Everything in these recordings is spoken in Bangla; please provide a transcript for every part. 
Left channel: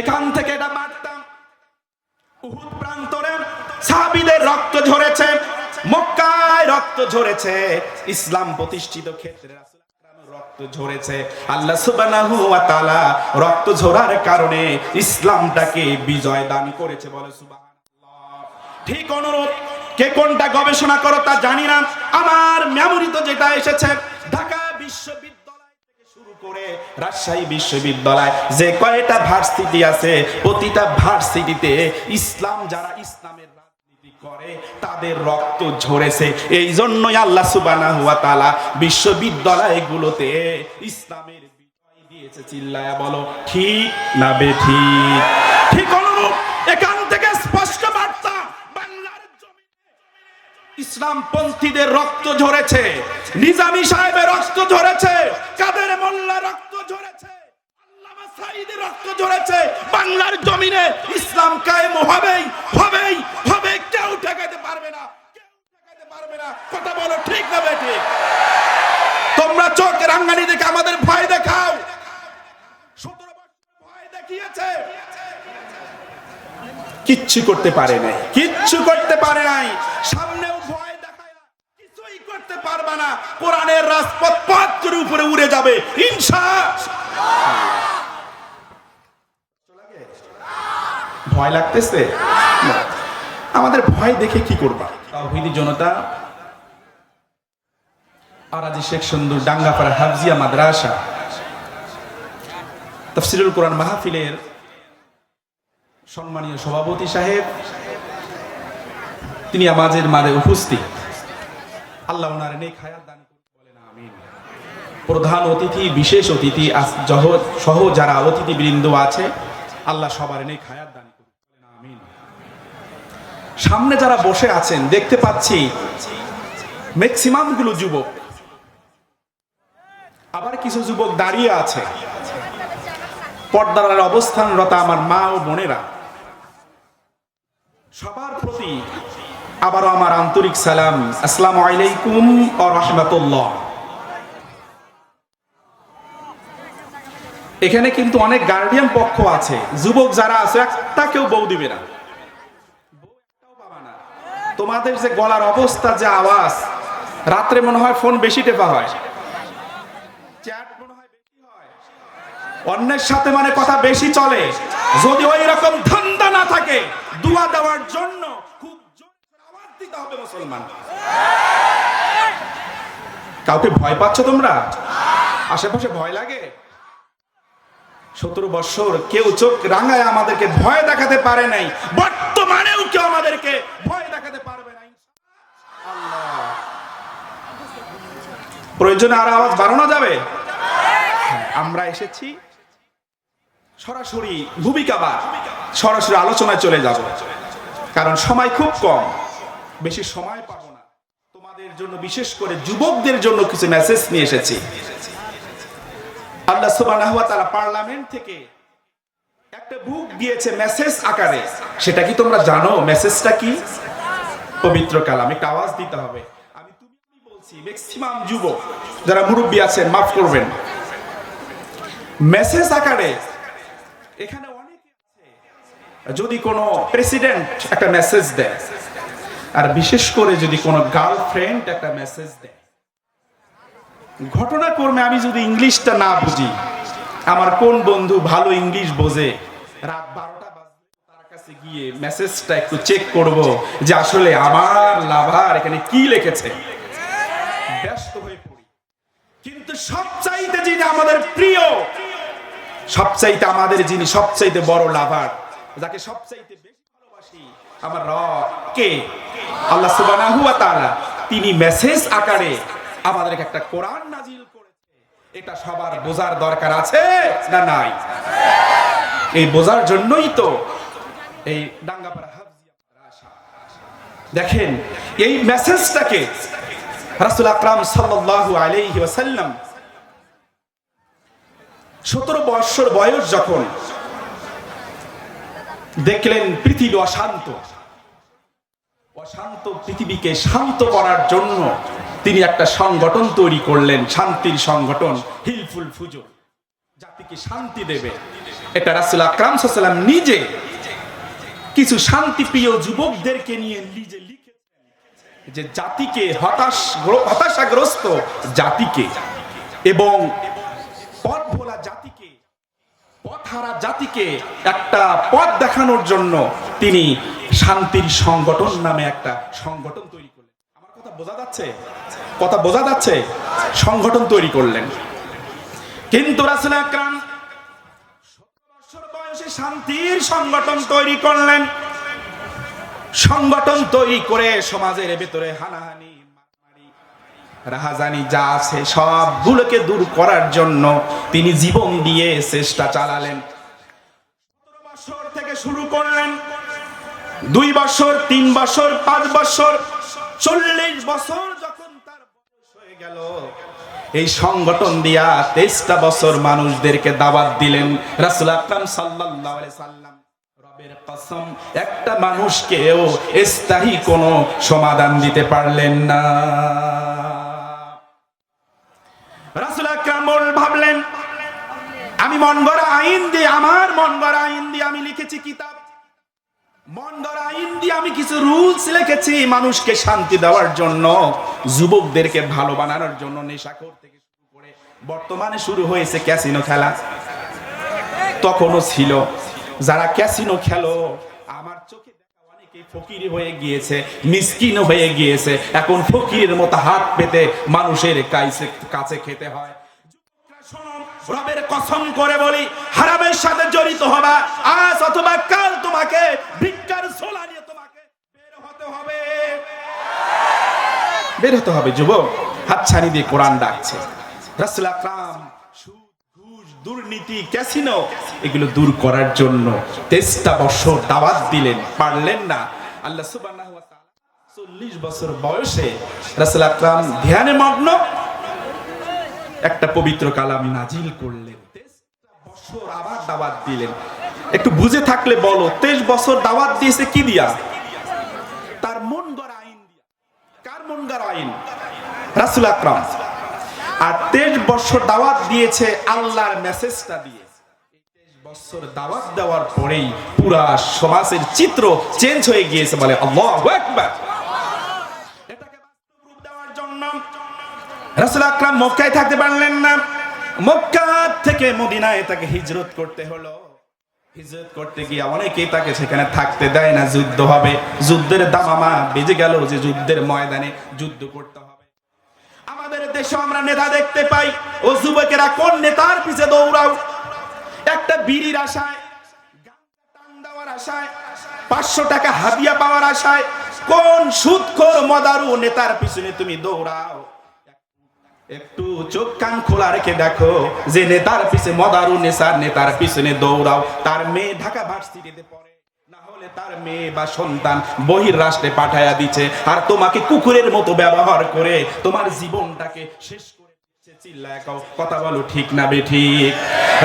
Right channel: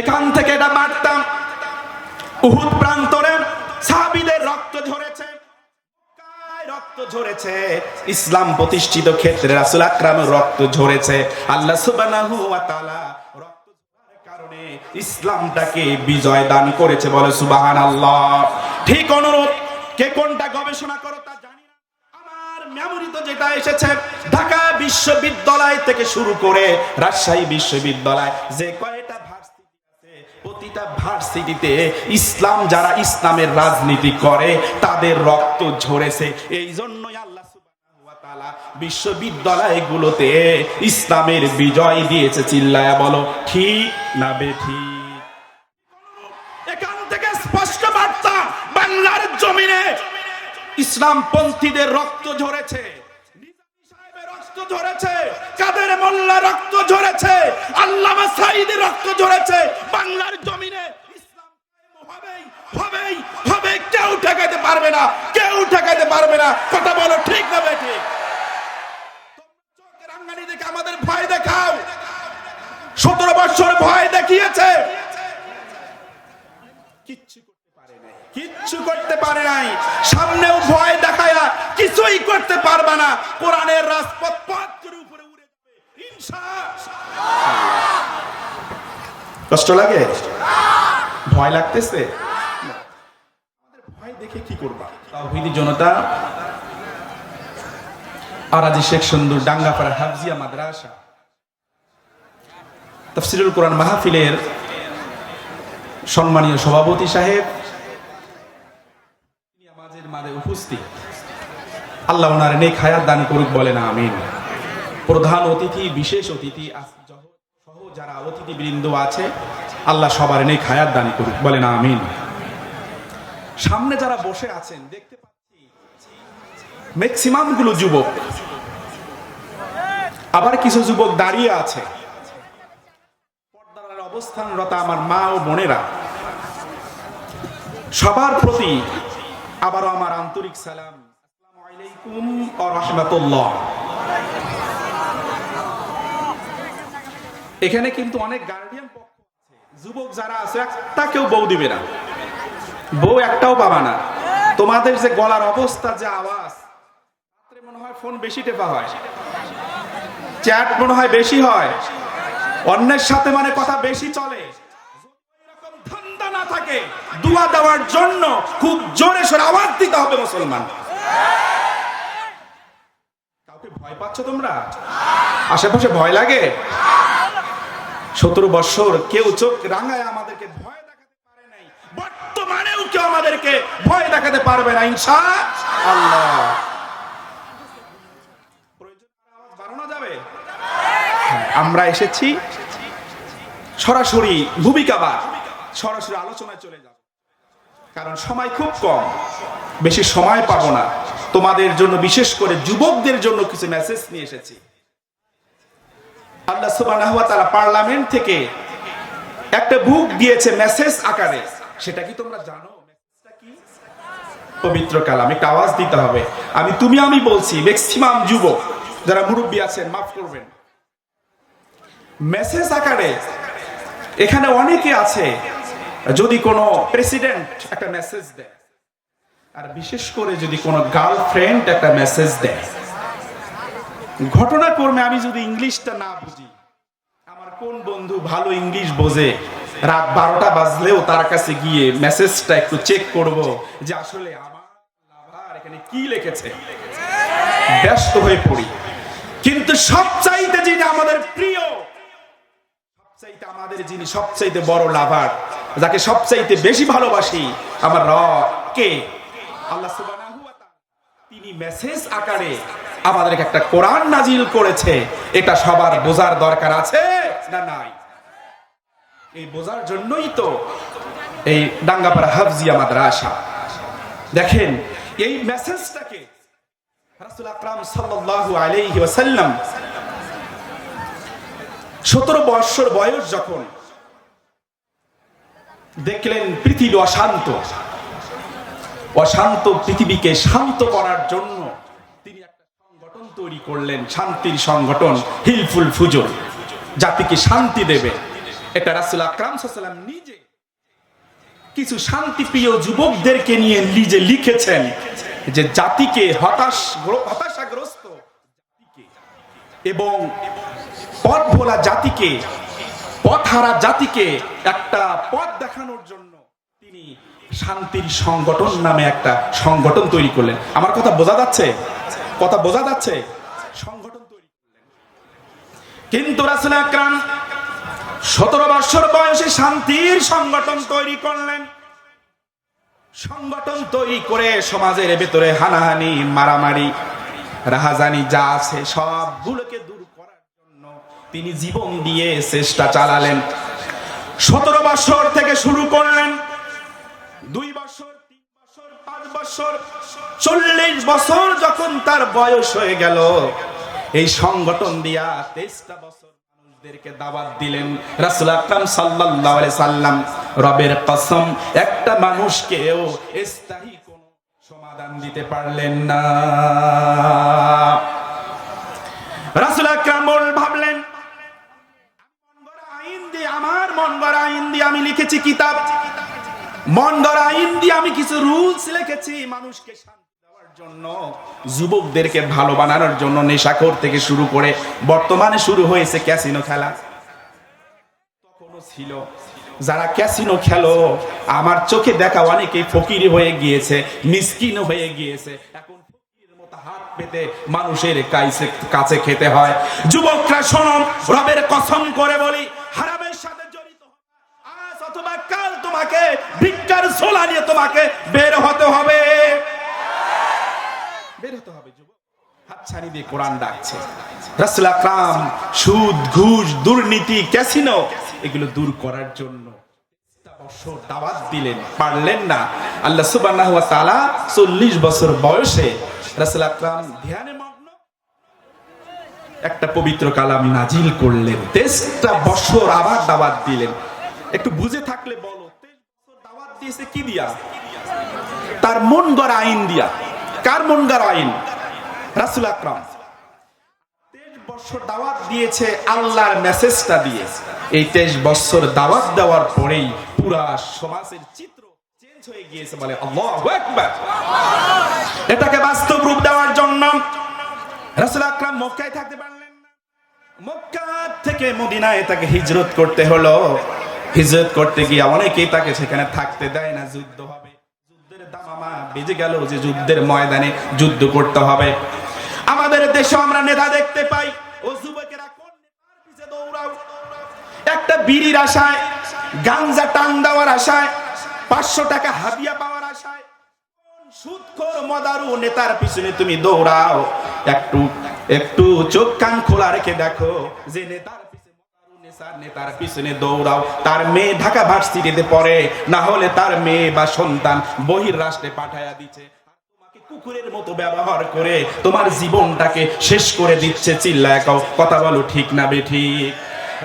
এখান থেকে এটা মারতাম। উহুদ প্রান্তরে সাহাবীদের রক্ত ঝরেছে, মক্কায় রক্ত ঝরেছে, ইসলাম প্রতিষ্ঠিত ক্ষেত্রে রাসূল আকরামের রক্ত ঝরেছে। আল্লাহ সুবহানাহু ওয়া তাআলা রক্ত ঝরার কারণে ইসলামটাকে বিজয় দান করেছে, বলে সুবহানাল্লাহ। ঠিক অনুরূপ কে কোনটা গবেষণা করো তা জানি না, আমার মেমোরিতে যেটা এসেছে, ঢাকা বিশ্ববিদ্যালয় থেকে শুরু করে রাজশাহী বিশ্ববিদ্যালয় যে কয়টা ভার্সিটি আছে, প্রতিটা ভার্সিটিতে ইসলাম যারা ইসলামের রাজনীতি করে তাদের রক্ত ঝরেছে। এই জন্যই আল্লাহ সুবহানাহু ওয়া তাআলা বিশ্ববিদ্যালয়গুলোতে ইসলামের বিজয় দিয়েছে। চিল্লায়া বলো ঠিক না বেঠিক? ঠিক অনুরূপ এখান থেকে স্পষ্ট বার্তা, বাংলার জমিনে ইসলামপন্থীদের রক্ত ঝরেছে, নিজামী সাহেবের রক্ত ঝরেছে, কাদের মোল্লা রক্ত ঝরেছে, আল্লামা সাঈদীর রক্ত ঝরেছে। বাংলার জমিনে ইসলাম কায়েম হবেই হবেই হবে, কেউ ঠেকাইতে পারবে না, কেউ ঠেকাইতে পারবে না। কথা বলো ঠিক না বেঠিক? তোমরা চোখের রাঙ্গানি দেখে আমাদের ভয় দেখাও। 17 বছর ভয় দেখিয়েছে, কিচ্ছু করতে পারে নাই, কিচ্ছু করতে পারে নাই। সামনেও ভয় দেখায়া কিছুই করতে পারবে না। কোরআনের রাজপথ পথ করে উপরে উড়ে যাবে ইনশাআল্লাহ। কষ্ট লাগে? ভয় লাগতেছে? আমাদের ভয় দেখে কি করবা? তাওহীদি জনতা, আরাজি শেখ সুন্দর ডাঙ্গাপাড়া হাফজিয়া মাদ্রাসা তাফসীরুল কোরআন মাহফিলের সম্মানীয় সভাপতি সাহেব, তিনি আমাদের মাঝে উপস্থিত। আল্লাহ ওনার নেক হায়াত দান করুক, বলেন আমিন। প্রধান অতিথি, বিশেষ অতিথি সহ যারা অতিথিবৃন্দ আছে, আল্লাহ সবার নেক হায়াত দান করুক, বলেন আমিন। সামনে যারা বসে আছেন দেখতে পাচ্ছি ম্যাক্সিমাম গুলো যুবক, আবার কিছু যুবক দাঁড়িয়ে আছে। পর্দার অবস্থানরত আমার মা ও বোনেরা, সবার প্রতি আবারও আমার আন্তরিক সালাম, আসসালামু আলাইকুম ওয়া রাহমাতুল্লাহ। এখানে কিন্তু অনেক গার্ডিয়ান পক্ষ আছে, যুবক যারা আছে একটা কেউ বউ দিবে না, বউ একটাও পাবা না। তোমাদের যে গলার অবস্থা, যে আওয়াজ, রাত্রে মনে হয় ফোন বেশি টেপা হয়, চ্যাট মনে হয় বেশি হয়, অন্যের সাথে মানে কথা বেশি চলে। যদি ওই রকম ধান্দা না থাকে, দুয়া দেওয়ার জন্য খুব জোরে সোরে আওয়াজ দিতে হবে মুসলমান। কাউকে ভয় পাচ্ছ তোমরা? আশেপাশে ভয় লাগে? 17 বছর কেউ চোখ রাঙায় আমাদেরকে ভয় দেখাতে পারে নাই, বর্তমানেও কেউ আমাদেরকে ভয় দেখাতে পারবে না ইনশাআল্লাহ। প্রয়োজনে আর আওয়াজ বাড়ানো যাবে। আমরা এসেছি সরাসরি ভূমিকা বা সরাসরি আলোচনায় চলে যাব, কারণ সময় খুব কম, বেশি সময় পাবো না। তোমাদের জন্য, বিশেষ করে যুবকদের জন্য কিছু মেসেজ নিয়ে এসেছি। আল্লাহ সুবহানাহু ওয়া তাআলা পার্লামেন্ট থেকে একটা বুক দিয়েছে মেসেজ আকারে। সেটা কি তোমরা জানো? মেসেজটা কি? পবিত্র কালাম। একটা আওয়াজ দিতে হবে। আমি বলছি, ম্যাক্সিমাম যুবক যারা মুরব্বী আছেন মাফ করবেন। মেসেজ আকারে এখানে অনেকে আছে, যদি কোনো প্রেসিডেন্ট একটা মেসেজ দেয়, আর বিশেষ করে যদি কোনো গার্লফ্রেন্ড একটা মেসেজ দেয়, ঘটনাক্রমে আমি যদি ইংলিশটা না বুঝি, আমার কোন বন্ধু ভালো ইংলিশ বোঝে, রাত 12টা বাজলেও তার কাছে গিয়ে মেসেজটা একটু চেক করব যে আসলে আমার লাভার এখানে কি লিখেছে, ব্যস্ত হয়ে পড়ি। কিন্তু সবচাইতে যিনি আমাদের প্রিয়, সবচাইতে আমাদের যিনি সবচাইতে বড় লাভার, যাকে সবচাইতে বেশি ভালোবাসি, আমার রব কে? আল্লাহ সুবহানাহু ওয়া তাআলা। তিনি মেসেজ আকারে আমাদেরকে একটা কোরআন নাজিল করেছে। এটা সবার বোঝার দরকার আছে না নাই? এই বোঝার জন্যই তো এই ডাঙ্গাপাড়া হাফজিয়া মাদ্রাসা। দেখেন, এই মেসেজটাকে রাসূল আকরাম সাল্লাল্লাহু আলাইহি ওয়াসাল্লাম 17 বছর বয়স যখন দেখলেন পৃথিবী অশান্ত, অশান্ত পৃথিবীকে শান্ত করার জন্য তিনি একটা সংগঠন তৈরি করলেন, শান্তির সংগঠন হিলফুল ফুজুর, জাতিকে শান্তি দেবে। এটা রাসূল আকরাম সাল্লাল্লাহু আলাইহি ওয়াসাল্লাম নিজে কিছু শান্তিপ্রিয় যুবকদেরকে নিয়ে নিজে লিখেছেন যে জাতিকে হতাশাগ্রস্ত জাতিকে এবং পথ ভোলা জাতিকে, পথহারা জাতিকে একটা পথ দেখানোর জন্য তিনি শান্তির সংগঠন নামে একটা সংগঠন তৈরি করলেন। আমার কথা বোঝা যাচ্ছে? কথা বোঝা যাচ্ছে? সংগঠন তৈরি করলেন। কিন্তু রাসূল আকরাম 17 বছর বয়সে শান্তির সংগঠন তৈরি করলেন। সংগঠন তৈরি করে সমাজের ভেতরে হানাহানি, মারামারি, রাহাজানি যা আছে সবগুলোকে দূর করার জন্য তিনি জীবন দিয়ে চেষ্টা চালালেন। 17 বছর থেকে শুরু করলেন, 2 বছর, 3 বছর, 5 বছর, 40 বছর যখন তার বয়স হয়ে গেল, এই সংগঠন দিয়া 23টা বছর মানুষদেরকে দাওয়াত দিলেন। রাসূল আকরাম সাল্লাল্লাহু আলাইহি সাল্লাম রবের কসম একটা মানুষকেও স্থায়ী কোনো সমাধান দিতে পারলেন না। রাসূল আকরাম ভাবলেন, আমি মন গড়া আইন দিয়ে, আমার মন গড়া আইন দিয়ে আমি লিখেছি কিতাব, মন গড়া আইন দিয়ে আমি কিছু রুলস লিখেছি মানুষকে শান্তি দেওয়ার জন্য, যুবকদেরকে ভালো বানানোর জন্য, নেশাখোর থেকে শুরু করে বর্তমানে শুরু হয়েছে ক্যাসিনো খেলা। তখনও ছিল যারা ক্যাসিনো খেলো, আমার চোখে দেখা অনেকেই ফকির হয়ে গিয়েছে, মিসকিন হয়ে গিয়েছে। এখন ফকিরের মতো হাত পেতে মানুষের কাছে খেতে হয়। যুবকরা শোনো, রবের কসম করে বলি, হারামের সাথে জড়িত হবা, আজ অথবা কাল তোমাকে ভিক্ষার ঝোলা নিয়ে তোমাকে বের হতে হবে, বের হতে হবে। যুবক, হাতছানি দিয়ে কোরআন ডাকছে। রাসূল আকরাম সুদ, ঘুষ, দুর্নীতি, ক্যাসিনো এগুলো দূর করার জন্য 23টা বছর দাওয়াত দিলেন, পারলেন না। আল্লাহ সুবহানাহু ওয়া তাআলা 40 বছর বয়সে রাসূল আকরাম ধ্যানে মগ্ন একটা পবিত্র কালাম নাজিল করলেন। 23টা বছর আবার দাওয়াত দিলেন। একটু বুঝে থাকলে বলো, 23 বছর দাওয়াত দিয়েছে কি দিয়া? তার মন গড়া আইন দিয়া। কার মন গড়া আইন? রাসূল আকরাম। আর 23 বছর দাওয়াত দিয়েছে আল্লাহর মেসেজটা দিয়ে। এই 23 বছর দাওয়াত দেওয়ার পরেই পুরা সমাজের চিত্র চেঞ্জ হয়ে গিয়েছে। বলে আল্লাহু আকবার। এটাকে বাস্তব রূপ দেওয়ার জন্য রাসূল আকরাম মক্কায় থাকতে পারলেন না। মক্কা থেকে মদিনায় তাকে হিজরত করতে হলো। হিজরত করতে গিয়ে অনেকেই তাকে সেখানে থাকতে দেয় না, যুদ্ধ হবে। যুদ্ধের দামামা বেজে গেল যে যুদ্ধের ময়দানে যুদ্ধ করতে হবে। আমাদের দেশে আমরা নেতা দেখতে পাই, ও যুবকেরা কোন নেতার পিছে দৌড়াও? একটা বিড়ির আশায়, গাঞ্জা টান দেওয়ার আশায়, 500 টাকা হাদিয়া পাওয়ার আশায় কোন সুদখোর মদারু নেতার পিছনে তুমি দৌড়াও? একটু চোখ কান খোলা রেখে দেখো, যে নেতার পিছে মদারু নেতার পিছনে দৌড়াও, তার মেয়ে ঢাকা ভার্সিটিতে পড়ে, না হলে তার মেয়ে বা সন্তান বহির রাষ্ট্রে পাঠায়া দিচ্ছে, আর তোমাকে কুকুরের মতো ব্যবহার করে তোমার জীবনটাকে শেষ করে দিচ্ছে। চিল্লায় কও, কথা বলো ঠিক না বেঠিক?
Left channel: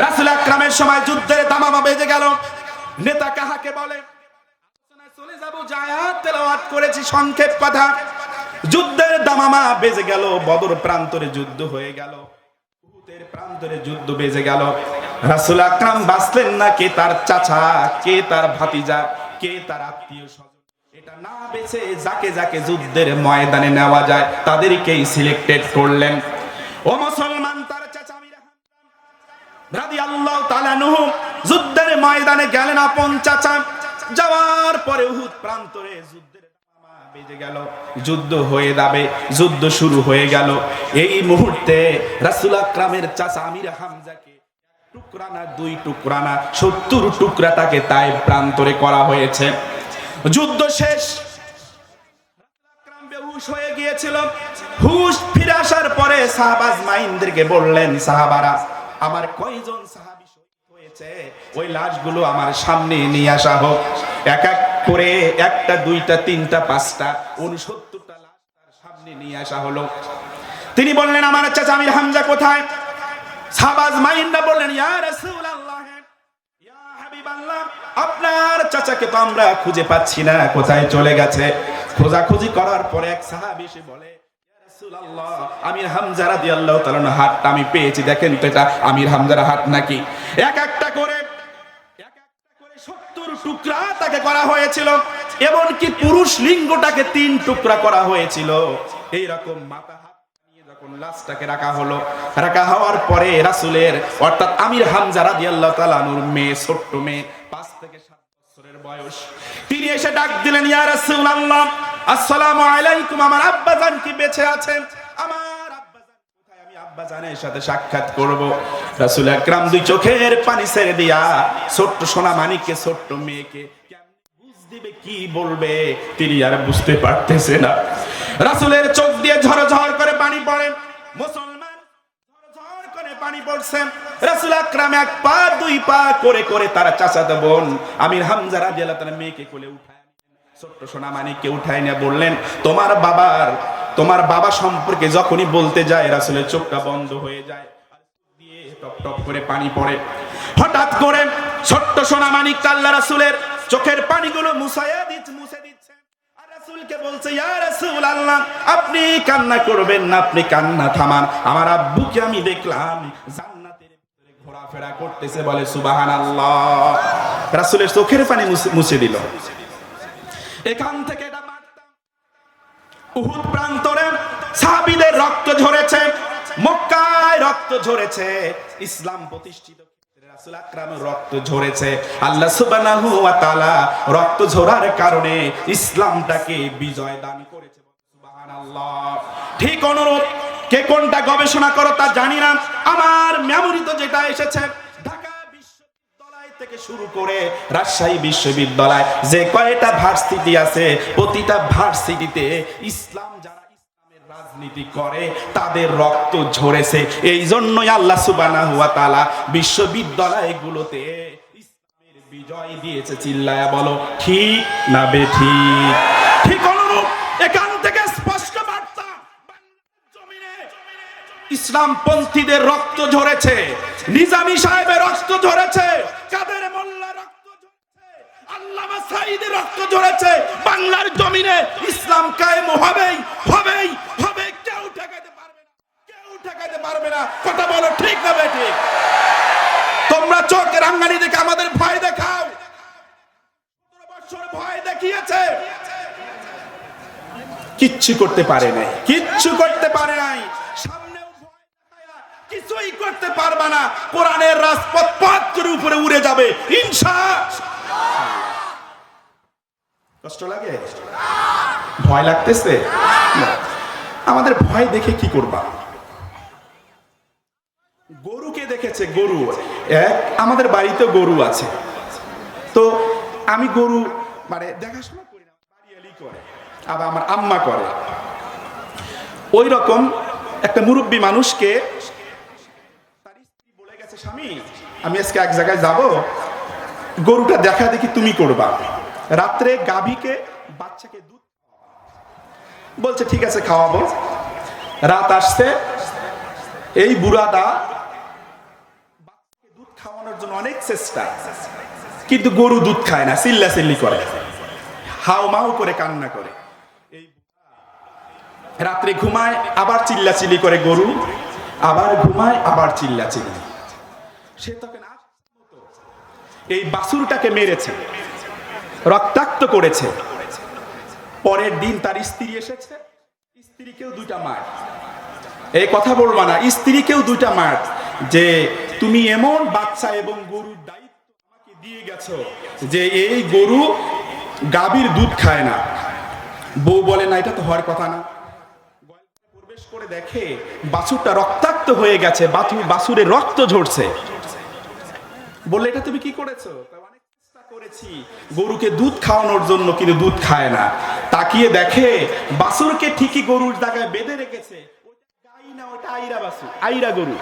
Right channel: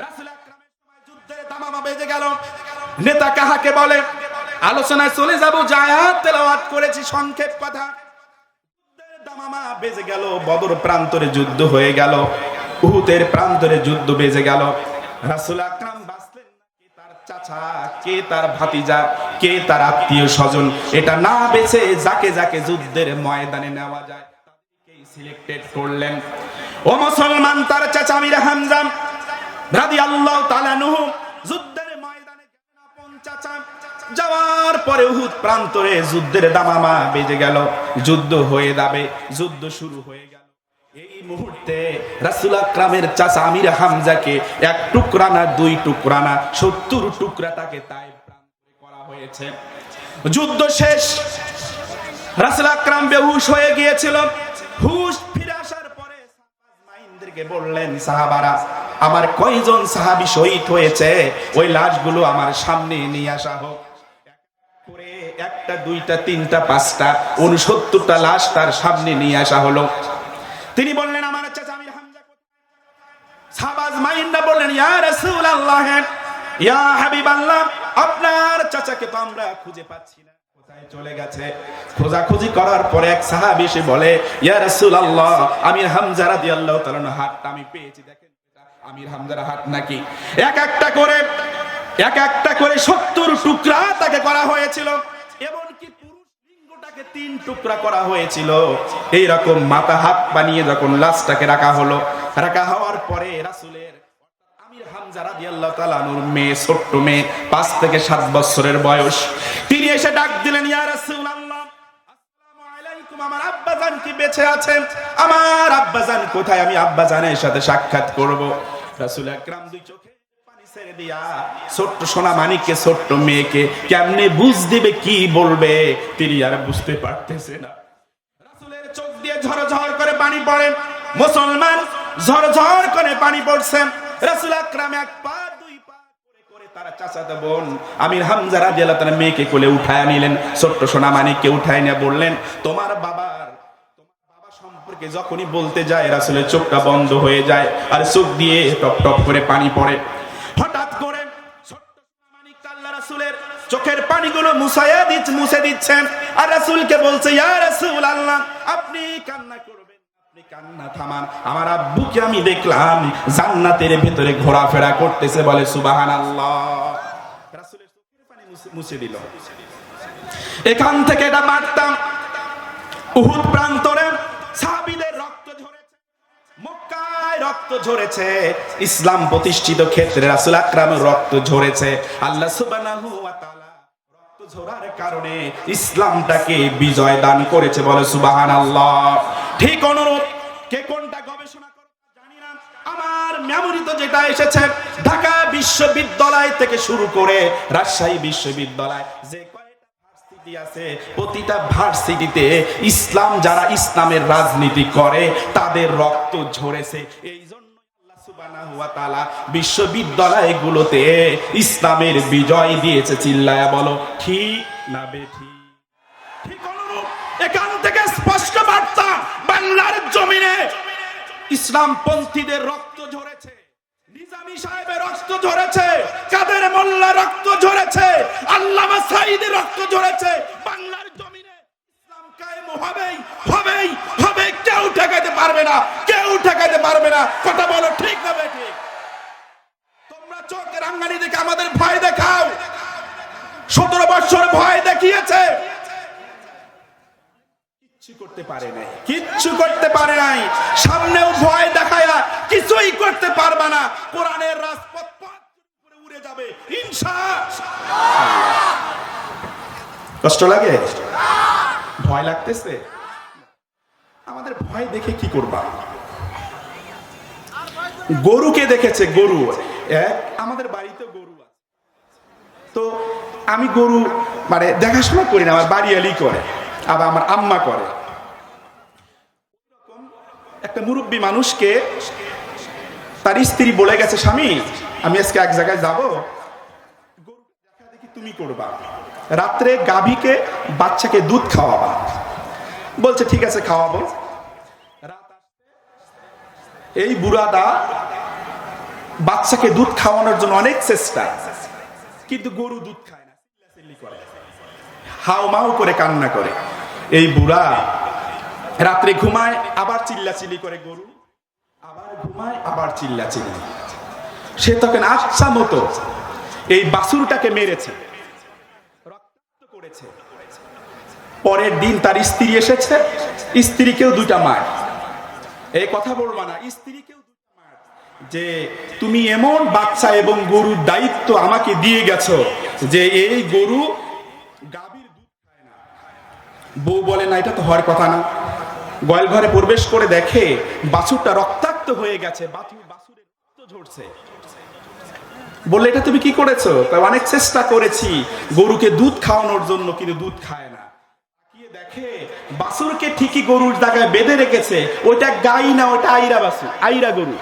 রাসূল আকরামের সময় যুদ্ধের দামামা বেজে গেল। নেতা কাহাকে বলে? আলোচনায় চলে যাব, আয়াত তেলাওয়াত করেছি, সংক্ষেপ কথা। যুদ্ধের দামামা বেজে গেল, বদর প্রান্তরে যুদ্ধ হয়ে গেল, উহুদের প্রান্তরে যুদ্ধ বেজে গেল। রাসূল আকরাম বাঁচলেন না, কে তার চাচা, কে তার ভাতিজা, কে তার আত্মীয় স্বজন, এটা না বেছে যাকে যাকে যুদ্ধের ময়দানে নেওয়া যায় তাদেরকেই সিলেক্টেড করলেন। ও মুসলমান, তার চাচা আমির হামজা রাদিয়াল্লাহু তাআলা আনহু যুদ্ধের ময়দানে গেলেন, আপন চাচা। যাওয়ার পরে উহুদ প্রান্তরে যুদ্ধের দামামা বেজে গেল, যুদ্ধ হয়ে যাবে, যুদ্ধ শুরু হয়ে গেল। এই মুহূর্তে রাসূল আকরামের চাচা আমির হামজাকে 1 টুকরা না 2 টুকরা না 70 টুকরা তাকে তায়েব প্রান্তরে করা হয়েছে। যুদ্ধ শেষ, রাসূল আকরাম বেহুশ হয়ে গিয়েছিল। হুশ ফিরে আসার পরে সাহাবা আজমাইনদেরকে বললেন, সাহাবারা, আমার কয়জন সাহাবী শহীদ হয়েছে, ওই লাশগুলো আমার সামনে নিয়ে আসা হোক। এক এক করে 1টা 2টা 3টা 5টা 69টা লাশ তার সামনে নিয়ে আসা হলো। তিনি বললেন, আমার চাচা আমির হামজা কোথায়? সাহাবা আজমাইনরা বললেন, ইয়া রাসূলুল্লাহ, ইয়া হাবিবাল্লাহ, আপনার চাচাকে তো আমরা খুঁজে পাচ্ছি না, কোথায় চলে গেছে? খোঁজাখুঁজি করার পরে এক সাহাবী এসে বলে, ইয়া রাসূলুল্লাহ, আমির হামজা রাদিয়াল্লাহু তাআলা হাতটা আমি পেয়েছি, দেখেন তো এটা আমির হামজার হাত নাকি? এক একটা করে এক একটা করে 70 টুকরা তাকে করা হয়েছিল, এমনকি পুরুষ লিঙ্গটাকে 3 টুকরা করা হয়েছিল। এইরকম মাথা হাত বানিয়ে যখন লাশটাকে রাখা হলো, রাখা হওয়ার পরে রাসূলের অর্থাৎ আমির হামজা রাদিয়াল্লাহু তাআলা আনহুর মেয়ে, ছোট্ট মেয়ে 5 থেকে 7 বছরের বয়স, তিনি এসে ডাক দিলেন, ইয়া রাসূলুল্লাহ আসসালামু আলাইকুম, আমার আব্বাজান কি বেঁচে আছেন? আমার আব্বাজান কোথায়? আমি আব্বাজানের সাথে সাক্ষাৎ করব। রাসূল আকরাম 2 চোখের পানি ছেড়ে দিয়া ছোট্ট সোনা মানিককে, ছোট্ট মেয়েকে কেমনে বুঝ দিবে, কি বলবে তিনি আর বুঝতে পারতেছে না। রাসূলের চোখ দিয়ে ঝরঝর করে পানি পড়ে, মুসলমান ঝরঝর করে পানি পড়ছে। রাসূল আকরাম 1 পা 2 পা করে করে তার চাচাতো বোন আমির হামজা রাদিয়াল্লাহু তাআলা মেয়েকে কোলে উঠায় নিলেন, ছোট্ট সোনা মানিককে উঠায় নিয়ে বললেন, তোমার বাবা সম্পর্কে যখনই বলতে যায় রাসূলের চোখটা বন্ধ হয়ে যায় আর চোখ দিয়ে টপ টপ করে পানি পড়ে। হঠাৎ করে ছোট্ট সোনা মানিক আল্লাহ রাসূলের চোখের পানিগুলো মুছে দিচ্ছেন আর রাসূলকে বলছে, ইয়া রাসূলুল্লাহ আপনি কান্না করবেন না, আপনি কান্না থামান, আমার আব্বুকে আমি দেখলাম জান্নাতের ভিতরে ঘোরাফেরা করতেছে, বলে সুবহানাল্লাহ। রাসূলের চোখের পানি মুছে দিল। এখান থেকে এটা বার্তা, উহুদ প্রান্তরে সাহাবীদের রক্ত ঝরেছে, মক্কায় রক্ত ঝরেছে, ইসলাম প্রতিষ্ঠিত ক্ষেত্রে রাসূল আকরামের রক্ত ঝরেছে। আল্লাহ সুবহানাহু ওয়া তাআলা রক্ত ঝরার কারণে ইসলামটাকে বিজয় দান করেছে, বলে সুবহানাল্লাহ। ঠিক অনুরূপ কে কোনটা গবেষণা করো তা জানি না, আমার মেমোরিতে যেটা এসেছে, ঢাকা বিশ্ববিদ্যালয় থেকে শুরু করে রাজশাহী বিশ্ববিদ্যালয় যে কয়টা ভার্সিটি আছে, প্রতিটা ভার্সিটিতে যারা ইসলামের রাজনীতি করে তাদের রক্ত ঝরেছে। এই জন্যই আল্লাহ সুবহানাহু ওয়া তাআলা বিশ্ববিদ্যালয়গুলোতে ইসলামের বিজয় দিয়েছে। চিল্লায়া বলো ঠিক না বেঠিক? ঠিক অনুরূপ এখান থেকে স্পষ্ট বার্তা, বাংলার জমিনে ইসলাম পন্থীদের রক্ত ঝরেছে, নিজামী সাহেবের রক্ত ঝরেছে, কাদের মোল্লা রক্ত ঝরেছে, আল্লামা সাঈদীর রক্ত ঝরেছে। বাংলার জমিনে ইসলাম কায়েম হবেই হবেই হবে, কেউ ঠেকাইতে পারবে না, কেউ ঠেকাইতে পারবে না। কথা বলো ঠিক না বেঠিক? তোমরা চোখের রাঙ্গানি দেখে আমাদের ভয় দেখাও, 17 বছর ভয় দেখিয়েছে, কিচ্ছু করতে পারে নাই, কিচ্ছু করতে পারে নাই। সামনেও ভয় দেখায়া কিছুই করতে পারবে না। কোরআনের রাজপথ পথ করে উপরে উড়ে যাবে ইনশাআল্লাহ। কষ্ট লাগে? ভয় লাগতেছে? আমাদের ভয় দেখে কি করবা? গরুকে দেখেছে, গরু আমাদের বাড়িতে গরু আছে, তো আমি গরু দেখাশোনা করি না, আমার বাড়িয়ালি করে, আবার আমার আম্মা করে। ওই রকম একটা মুরব্বী মানুষকে তার স্ত্রী বলে গেছে, স্বামী আমি আজকে এক জায়গায় যাব, গরুটা দেখা দেখি তুমি করবা, রাত্রে গাভীকে বাচ্চাকে দুধ খাওয়াবা। বলছে ঠিক আছে খাওয়াবো। রাত আসছে, এই বুড়াটা বাচ্চাকে দুধ খাওয়ানোর জন্য অনেক চেষ্টা, কিন্তু গরু দুধ খায় না, চিল্লাচিল্লি করে, হাউ মাউ করে কান্না করে। এই বুড়া রাত্রে ঘুমায়, আবার চিল্লাচিল্লি করে গরু, আবার ঘুমায়, আবার চিল্লাচিল্লি। সে তখন আচ্ছা মতো এই বাছুরটাকে মেরেছে, রক্তাক্ত করেছে। পরের দিন তার স্ত্রী এসেছে, স্ত্রীকেও 2টা মার। এই কথা বলবা না, স্ত্রীকেও 2টা মার, যে তুমি এমন বাচ্চা এবং গরুর দায়িত্ব আমাকে দিয়ে গেছো যে এই গরু গাভীর দুধ খায় না। বউ বলে না, এটা তো হওয়ার কথা না। গোয়াল ঘরে প্রবেশ করে দেখে বাছুরটা রক্তাক্ত হয়ে গেছে, বাছুরের রক্ত ঝরছে। বললে এটা তুমি কি করেছো? অনেক চেষ্টা করেছি গরুকে দুধ খাওয়ানোর জন্য, কিন্তু দুধ খায় না। তাকিয়ে দেখে বাছুরকে ঠিকই গরুর জায়গায় বেঁধে রেখেছে, ওইটা গাই না, ওইটা আইরা বাছুর, আইরা গরু।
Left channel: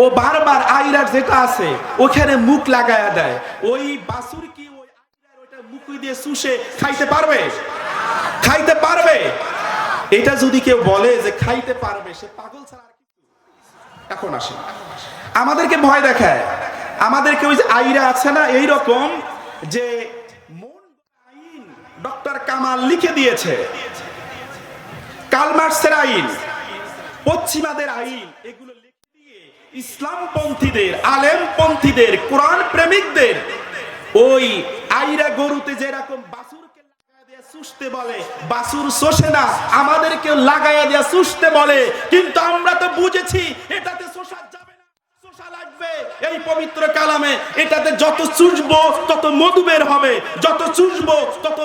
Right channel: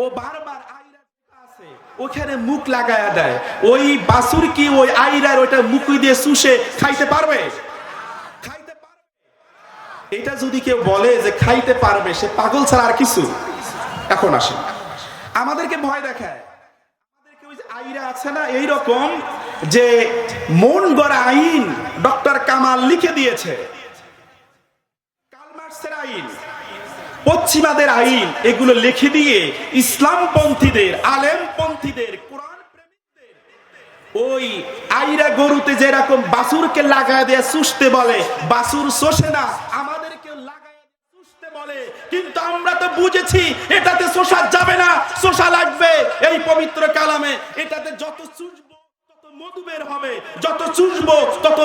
ও বারবার আইরার যেটা আছে ওখানে মুখ লাগায়া দেয়। ওই বাছুর কি ওই আইরার ওইটা মুখ দিয়ে শুষে খাইতে পারবে? খাইতে পারবে? এটা যদি কেউ বলে যে খাইতে পারবে, সে পাগল ছাড়া আর কিছু। এখন আসে আমাদেরকে ভয় দেখায়, আমাদেরকে ওই যে আইরা আছে না, এইরকম যে মন গড়া আইন ডক্টর কামাল লিখে দিয়েছে, কার্ল মার্কসের আইন, পশ্চিমাদের আইন, এগুলো লিখে দিয়ে ইসলামপন্থীদের, আলেমপন্থীদের, কোরআন প্রেমিকদের ওই আইরা গরুতে যেরকম বাছুরকে লাগায় দিয়ে চুষতে বলে, বাছুর চষে না, আমাদেরকে লাগায় দিয়ে চুষতে বলে। কিন্তু আমরা তো বুঝেছি এটাতে চষা যাবে না, চষা লাগবে এই পবিত্র কালামে। এটাতে যত চুষবো তত মধু বের হবে, যত চুষবো তত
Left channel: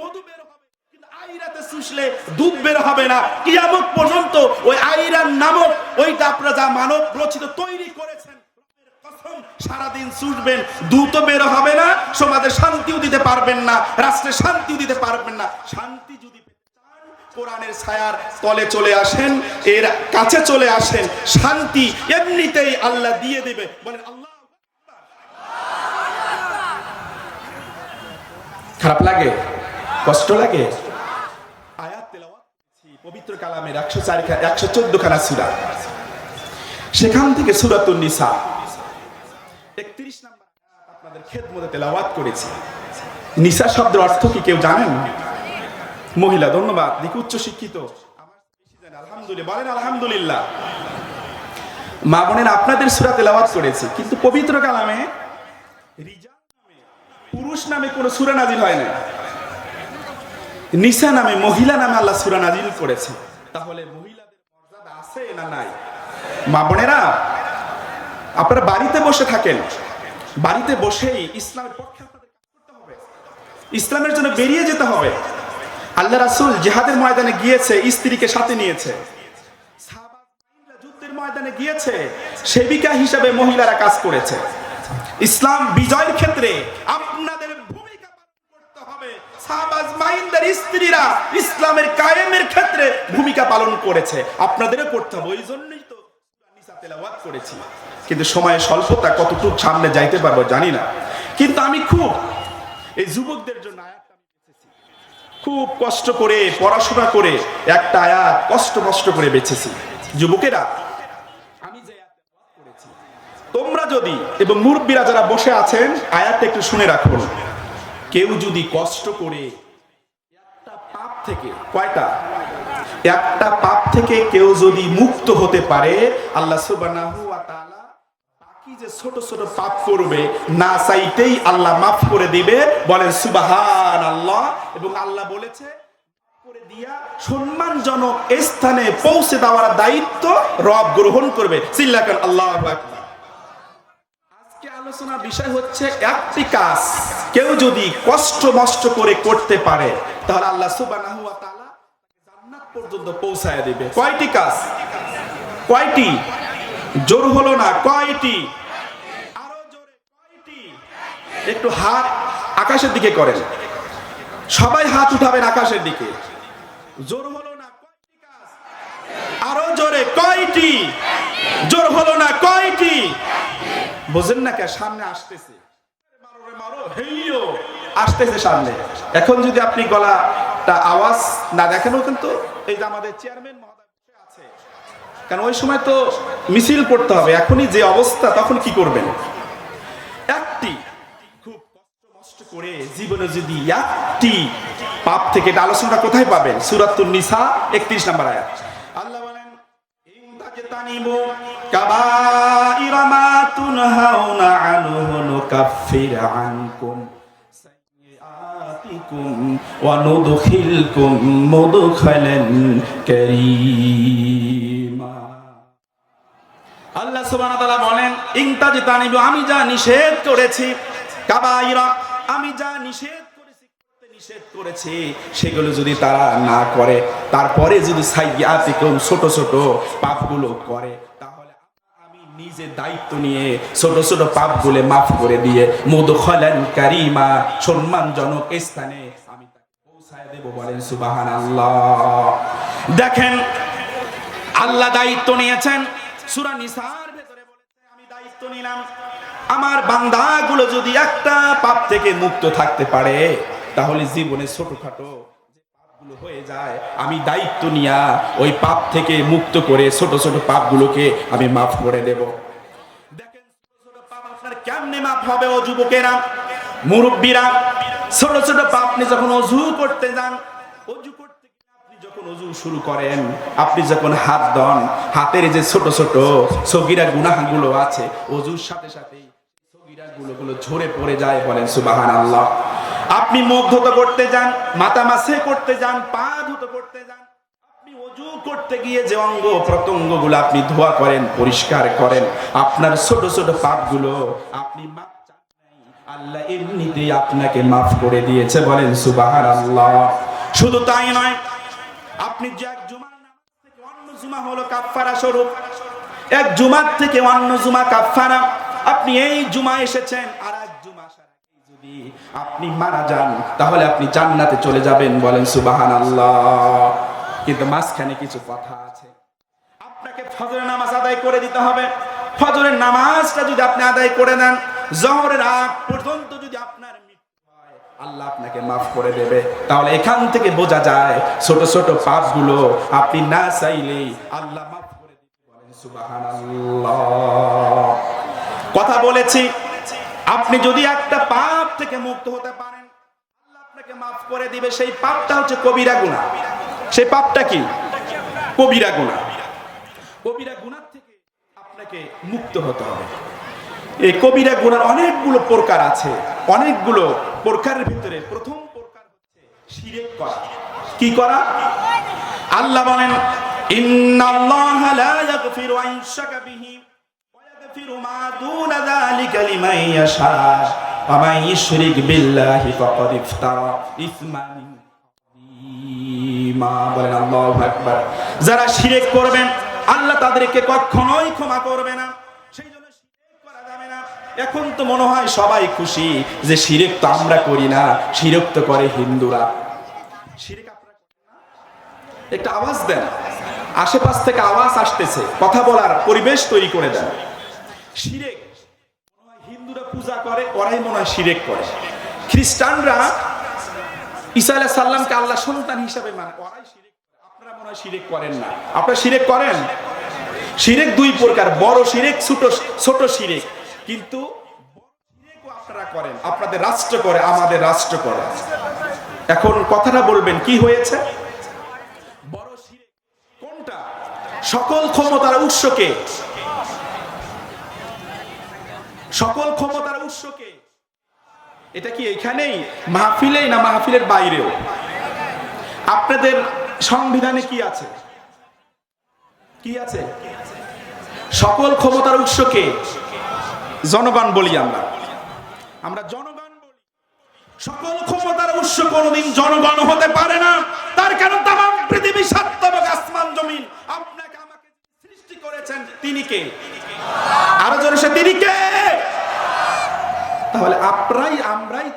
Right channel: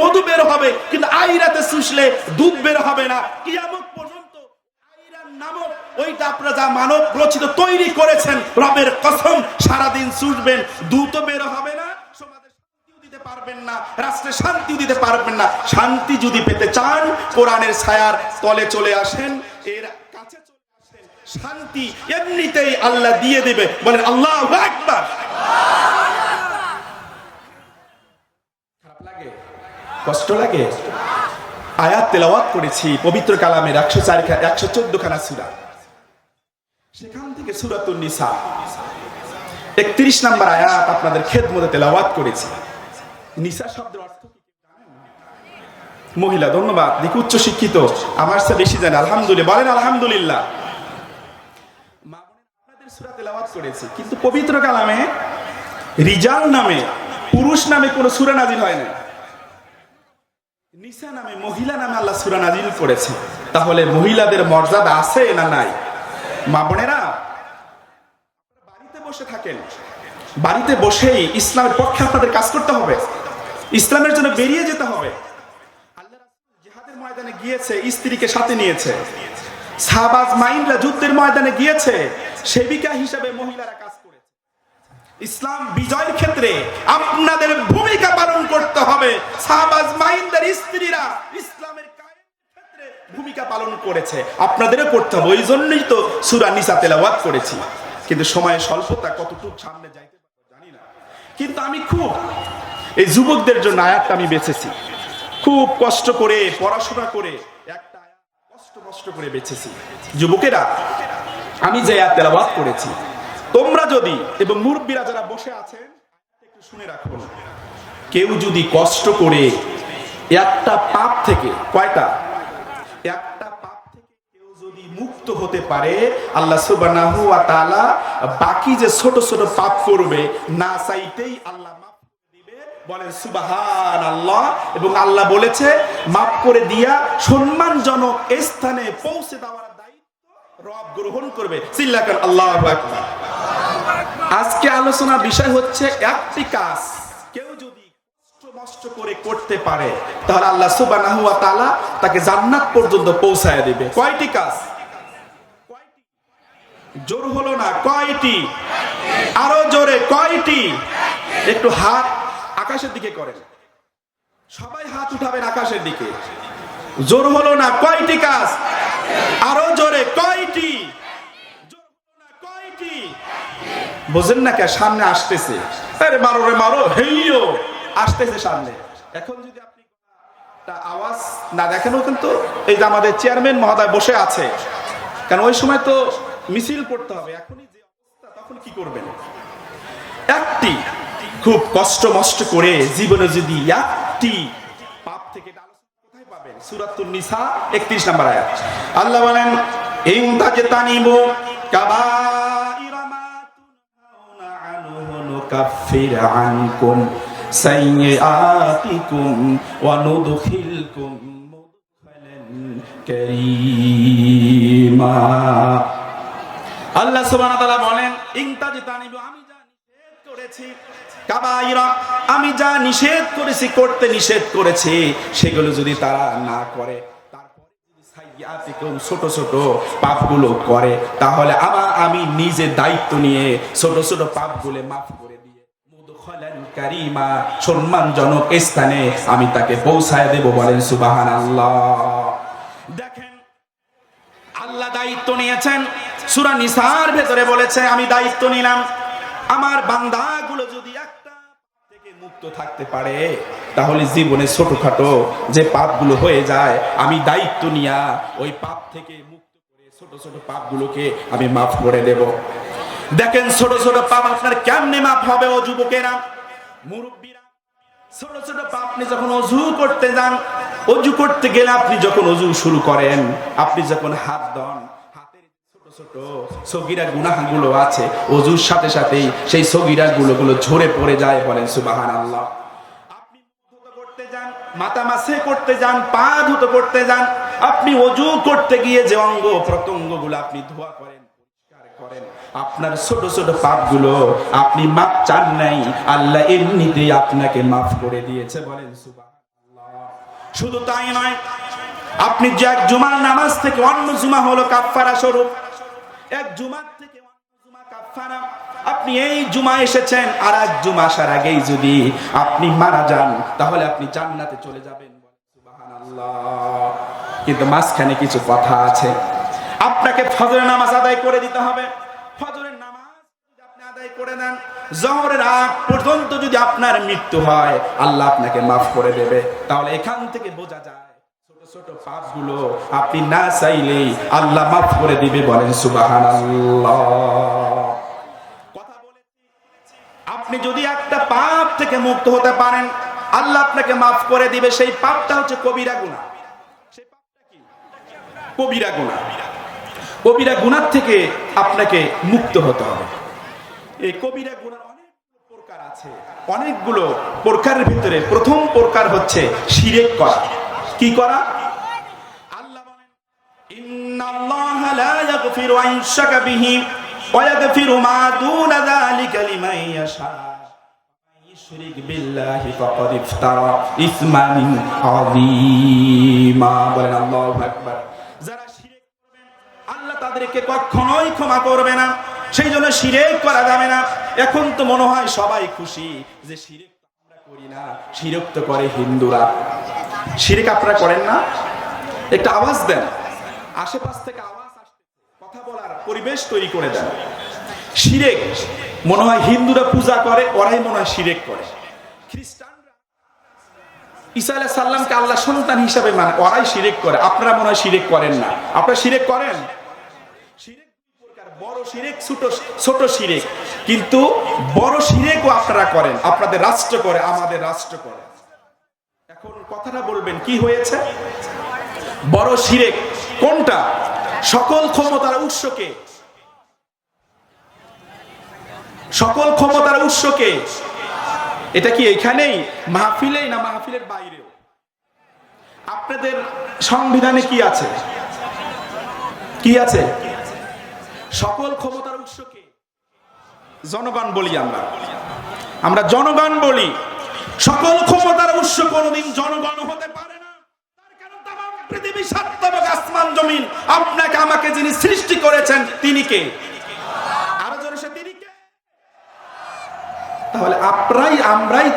মধু বের হবে। কিন্তু আইরাতে চুষলে দুধ বের হবে না। কিয়ামত পর্যন্ত ওই আইরান নামক ওইটা আপনারা যা মানব রচিত তৈরি করেছেন, রবের কসম সারাদিন চুষবেন, দুধ বের হবে না, সমাজে শান্তিও দিতে পারবেন না, রাষ্ট্রে শান্তিও দিতে পারবেন না। শান্তি যদি পেতে চান কোরআনের ছায়ার তলে চলে আসেন, এর কাছে চলে আসেন, শান্তি এমনিতেই আল্লাহ দিয়ে দেবে। বলেন আল্লাহু আকবার। খারাপ লাগে, কষ্ট লাগে? আয়াত তেলাওয়াত করেছি পবিত্র কালামের 114 খানা সূরা, সেখান থেকে সূরাতুন নিসা 31 নম্বর আয়াত আপনাদের খেদমতে তেলাওয়াত করেছি। নিসা শব্দের অর্থ কি কেউ জানেন? মহিলা। ধন্যবাদ, দেখি উচ্চ শিক্ষিত, আমার চেয়ে বেশি জানে। আলহামদুলিল্লাহ, বলেন আলহামদুলিল্লাহ। মা বোনেরা, আপনাদের সূরা তেলাওয়াত করেছি, কিন্তু পবিত্র কালামে রিজাল নামে, পুরুষ নামে কোনো সূরা নাজিল হয় না। নিসা নামে, মহিলা নামে আল্লাহ সূরা নাজিল করেছে। তাহলে মহিলাদের মর্যাদা আছে না নাই? মা বোনেরা, আপনারা বাড়িতে বসে থাকেন, বাড়িতে বসেই ইসলামের পক্ষে আপনাদের কাজ করতে হবে, ইসলামের জন্য বেরিয়ে যেতে হবে। আল্লাহ রাসূল জিহাদের ময়দানে গিয়েছে, স্ত্রীকে সাথে নিয়েছে। সাহাবা আজমাইনরা যুদ্ধের ময়দানে গিয়েছে, সেবিকা হিসেবে মহিলারা কাজ করেছে। ইসলাম বিজয়ের ক্ষেত্রে আপনাদের ভূমিকা পালন করতে হবে। সাহাবা আজমাইনদের স্ত্রীরা ইসলামের কায়েমের ক্ষেত্রে ভূমিকা পালন করেছে, আপনাদেরও করতে হবে। ওই জন্যই তো সূরা নিসা তেলাওয়াত করেছি। কিন্তু সময়ের স্বল্পতা, কতটুকু সামনে যাইতে পারবো জানি না। কিন্তু আমি খুব এই যুবকদের জন্য আয়াতটা আমি বেছেছি, খুব কষ্ট করে পড়াশোনা করে একটা আয়াত কষ্ট করে বেছেছি। যুবকেরা, আমি যে আয়াত তেলাওয়াত করেছি, তোমরা যদি এবং মুরব্বীরা যারা বসে আছেন আয়াতটা একটু শুনে রাখুন। কেউ যদি কষ্ট করে একটা পাপ থেকে, কয়টা? একটা পাপ থেকে কেউ যদি মুক্ত হতে পারে, আল্লাহ সুবহানাহু ওয়া তাআলা বাকি যে ছোট ছোট পাপ করবে না চাইতেই আল্লাহ মাফ করে দিবে। বলেন সুবহানাল্লাহ। এবং আল্লাহ বলেছে মাফ করে দিয়া সম্মানজনক স্থানে পৌঁছে দেওয়ার দায়িত্ব রব গ্রহণ করবে। চিল্লাকান আল্লাহু আকবার। আজকে আলোচনার বিষয় হচ্ছে একটি কাজ কেউ যদি কষ্ট করে করতে পারে, তাহলে আল্লাহ সুবহানাহু ওয়া তাআলা তাকে জান্নাত পর্যন্ত পৌঁছায় দিবে। কয়টি কাজ? কয়টি? জোর হলো না, কয়টি? আরো জোরে, কয়টি? একটু হাত আকাশের দিকে করেন, সবাই হাত উঠাবেন আকাশের দিকে। জোর হলো না, কয়টি কাজ? আরো জোরে, কয়টি? জোর হলো না, কয়টি? বুঝেন না কে? সামনে আসতেছে, আরে মারো রে মারো, হেইও আসতেছে সামনে। এখন যদি আপনি গলাটা আওয়াজ না দেখেনও, কিন্তু এই যে আমাদের চেয়ারম্যান মহোদয় বসে আছে, কারণ ওই সময় তো মিছিল করতে হবে। এখনই যে অবস্থা, তখন কি করবেন? একটি খুব কষ্ট করে জীবনে যদি একটি পাপ থেকে, এটা আলোচনাটা কোথায় পাবেন? সূরাতুন নিসা 31 নম্বর আয়াত। আল্লাহ বলেন ইন তাজতানিবু কাবাইরা মা তুনহাউনা আনহু নুকাফির আনকুম সাইয়্যাতিকুম ওয়া নুদখিলকুম মুদখালান কারীমা। আল্লাহ সুবহানাহু ওয়া তাআলা বলেন ইন তাজতানিবু, আমি যা নিষেধ করেছি, কাবাইরা, আমি যা নিষেধ করেছি, করতে নিষেধ করেছি, সেগুলো যদি তারা না করে, তারপরে যদি সাইয়্যাতিকুম, ছোট ছোট পাপগুলো করে, তাহলে আমি নিজে দায়িত্ব নিয়ে ছোট ছোট পাপগুলো মাফ করে দিয়ে মুদখালান কারীমা, সম্মানজনক স্থানে আমি তাকে পৌঁছায় দেব। বলেন সুবহানাল্লাহ। দেখেন, আল্লাহ দায়িত্ব নিয়েছেন। সূরা নিসার ভেতরে বলেছে আমি দায়িত্ব নিলাম, আমার বান্দাগুলো যদি একটা পাপ থেকে মুক্ত থাকতে পারে, তাহলে জীবনে ছোটখাটো যে পাপগুলো হয়ে যায়, আমি দায়িত্ব নিয়া ওই পাপ থেকে মুক্ত করে ছোট ছোট পাপগুলোকে আমি মাফ করে দেব। দেখেন, ছোট ছোট পাপ আপনার কেমনে মাফ হবে? ও যুবকেরা, মুরব্বীরা, ছোট ছোট পাপ আপনি যখন ওযু করতে যান, অজু করতে গেলে আপনি যখন অজু শুরু করেন, আপনি যখন হাত ধন, হাতের যে ছোট ছোট সগীরা গুনাহগুলো আছে, অজুর সাথে সাথেই সেই সগীরা গুলো ঝরে পড়ে যায়। বলেন সুবহানাল্লাহ। আপনি মুখ ধুতে করতে যান, মাথা মাসে করতে যান, পা ধুতে করতে যান, আপনি অজু করতে গিয়ে যে অঙ্গ প্রত্যঙ্গগুলো আপনি ধোয়া করেন, পরিষ্কার করেন, আপনার ছোট ছোট পাপগুলো আপনি মাপ চান নাই, আল্লাহ এমনিতেই আপনাকে মাফ করে দিয়েছে। বলেন সুবহানাল্লাহ। শুধু তাই নয়, আপনি যে এক জুমার নামাজ থেকে অন্য জুমা হলো কাফফারা স্বরূপ, এক জুমার থেকে অন্য জুমা কাফফারা। আপনি এই জুমা এসেছেন, আর এক জুমা আসার আগেই যদি আপনি মারা যান, তাহলে আপনি জান্নাতে চলে যাবেন। বলেন সুবহানাল্লাহ। কিন্তু মাঝখানে কিছু কথা আছে। আপনাকে ফজরের নামাজ আদায় করে দিতে হবে। ফজরের নামাজটা যদি আপনি আদায় করে দেন, জোহরের আগ পর্যন্ত যদি আপনার মৃত্যু হয়, আল্লাহ আপনাকে মাফ করে দেবে। তাহলে এখান থেকে বোঝা যায় ছোট ছোট পাপগুলো আপনি না চাইলেই আল্লাহ মাফ করে দিবে। বলেন সুবহানাল্লাহ। কথা বলেছি, আপনি যদি একটা পাপ থেকে মুক্ত হতে পারেন, আল্লাহ আপনাকে মাফ করে দিবে। সেই পাপটা হচ্ছে কবিরা গুনাহ। সেই পাপটা কি? কবিরা গুনাহ। কবিরা গুনাহ থেকে আপনাকে মুক্ত হতে হবে। এই কবিরা গুনার অনেকগুলো প্রকার আছে। অনেকগুলো প্রকারের ভিতরে প্রথম প্রকার হচ্ছে শিরক করা। কি করা? আল্লাহ বলেন, ইন্নাল্লাহা লা ইয়াগফিরু আন ইউশরাকা বিহি ওয়া ইয়াগফিরু মা দুনা যালিকা লিমান ইয়াশা ওয়া মান ইউশরিক বিল্লাহি ফাকাদ ইফতারা ইসমান আযীমা। বলেন আল্লাহু আকবার। যারা শিরক করবেন, আল্লাহ তাদেরকে কখনোই ক্ষমা করবে না। সেই জন্য শিরক করা যাবে না। এখন তো মনে হয় সবাই খুশি যে শিরক তো আমরা করি না, শিরক তো করে হিন্দুরা। শিরক আপনারা করেন না? একটা আওয়াজ দেন, আশেপাশ থেকে আওয়াজ আসতেছে, কথা বলার পরিবেশ তৈরি করে দেন। শিরক মনে হয় হিন্দুরা পূজা করে, ওরাই মনে হয় শিরক করে। খ্রিস্টানরা ঈসা আলাইহিস সালামকে আল্লাহ সন্তান হিসাবে মানে, ওরাই শিরক করে। আপনারা মনে হয় শিরক করেন না। আপনারা শিরক করেন? শিরক দুই প্রকার, বড় শিরক, ছোট শিরক। কিন্তু বড় শিরকও আপনারা করেন, আপনাদের রাষ্ট্র করে, আমাদের রাষ্ট্র করে। এখন কথাটা বলবেন কি হয়েছে? বড় শিরক কোনটা? সকল ক্ষমতার উৎসকে, সকল ক্ষমতার উৎসকে। এটা কি এইখানেই মাহফিলেই না মাহফিলের বাইরেও? আপনাদের সংবিধানে কি আছে? কি আছে? সকল ক্ষমতার উৎসকে জনগণ বলি আমরা জনগণ বলি। সকল ক্ষমতার উৎস কোনদিন জনগণ হতে পারে না। তার কারণ তামাম পৃথিবী, সাত আসমান জমিন, আপনাকে আমাকে যিনি সৃষ্টি করেছেন তিনি কে? আরো জোরে সে তিনি কে? তাহলে আমরাই